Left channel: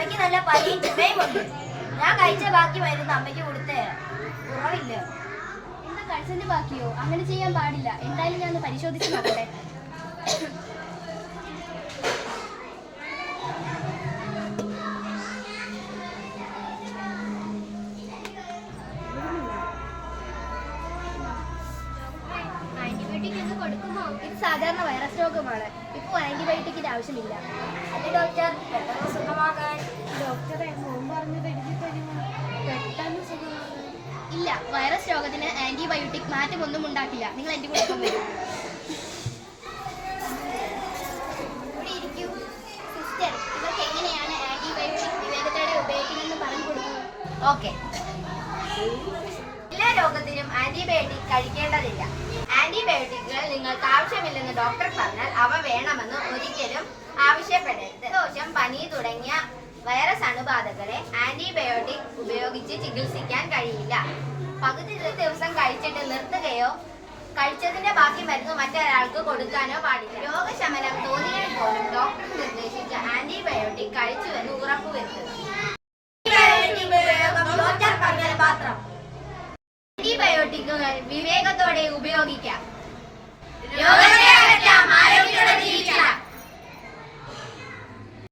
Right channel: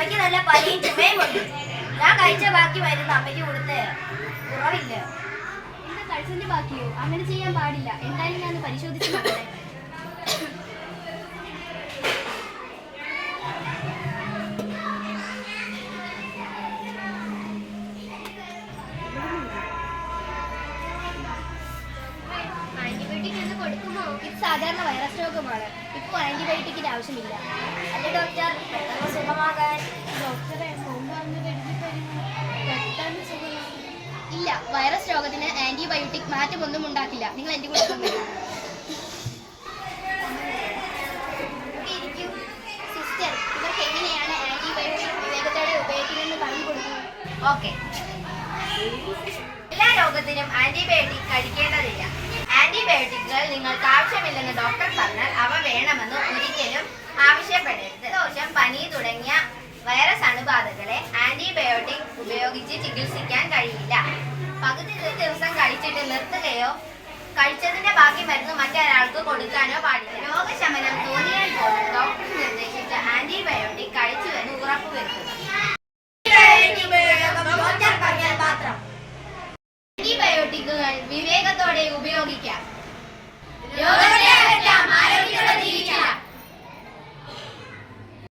അമ്മയ്ക്ക് നല്ല പനിയും ചുമയുമുണ്ട്. ഞാൻ കഴിച്ച ബാക്കി മരുന്ന് അമ്മയ്ക്ക് കൊടുത്തേ കുറവില്ല. എന്റെ കഴിച്ചതിന്റെ ബാക്കിയോ? അങ്ങനെ ചെയ്യാൻ പാടില്ല. എന്തായാലും ഞാൻ പരിശോധിച്ച് നോക്കട്ടെ. ഇത് സാധാരണ വൈറസ് രോഗമാണ്. ഇപ്പോൾ ആന്റിബയോട്ടിക്കിന്റെ ആവശ്യമില്ല. അല്ല ഡോക്ടർ, പെട്ടെന്ന് സുഖമാകാൻ ഡോക്ടറെ പെട്ടെന്ന് സുഖമാകാൻ ഇല്ല. വൈറസ് രോഗത്തിന് ആന്റിബയോട്ടിക് മാറ്റമൊന്നും ഉണ്ടാക്കില്ല. നിങ്ങൾ എന്റെ കൂടെ ഒപ്പം വരും. സിസ്റ്റർ, ഇവർക്ക് എങ്ങനെയാണ് ആന്റിബയോട്ടിക് വിവേകത്തോടെ ഉപയോഗിക്കുന്നതെന്ന് പറഞ്ഞു കൊടുക്കൂ. ഓക്കെ. എല്ലാ രോഗത്തിനും ആന്റിബയോട്ടിക് കഴിക്കേണ്ടതില്ല. ആന്റിബയോട്ടിക്കുകൾ നിങ്ങൾക്ക് ആവശ്യമില്ലെന്ന് ഡോക്ടർ പറഞ്ഞാൽ അവ വേണമെന്ന് ഒരിക്കലും ആവശ്യപ്പെടരുത്. ദോഷം, പനി തുടങ്ങിയ വൈറസ് അണുബാധകളെ ആന്റിബയോട്ടിക് ഉപയോഗിച്ച് ചികിത്സിക്കാൻ കഴിയില്ല. പകുതി ദിവസം കഴിച്ചിട്ട് നിർത്തുകയോ കഴിച്ചതിന്റെ ബാക്കി മരുന്ന് മറ്റൊരാൾക്ക് കൊടുക്കാനോ പാടില്ല. രോഗശമനം തോന്നിയാൽ പോലും ഡോക്ടർ നിർദ്ദേശിച്ച ആന്റിബയോട്ടിക് കഴിച്ചുവെന്ന് ഉറപ്പുവരുത്തുക. ആന്റിബയോട്ടിക്കുകൾ വിവേകത്തോടെ ഉപയോഗിക്കാം.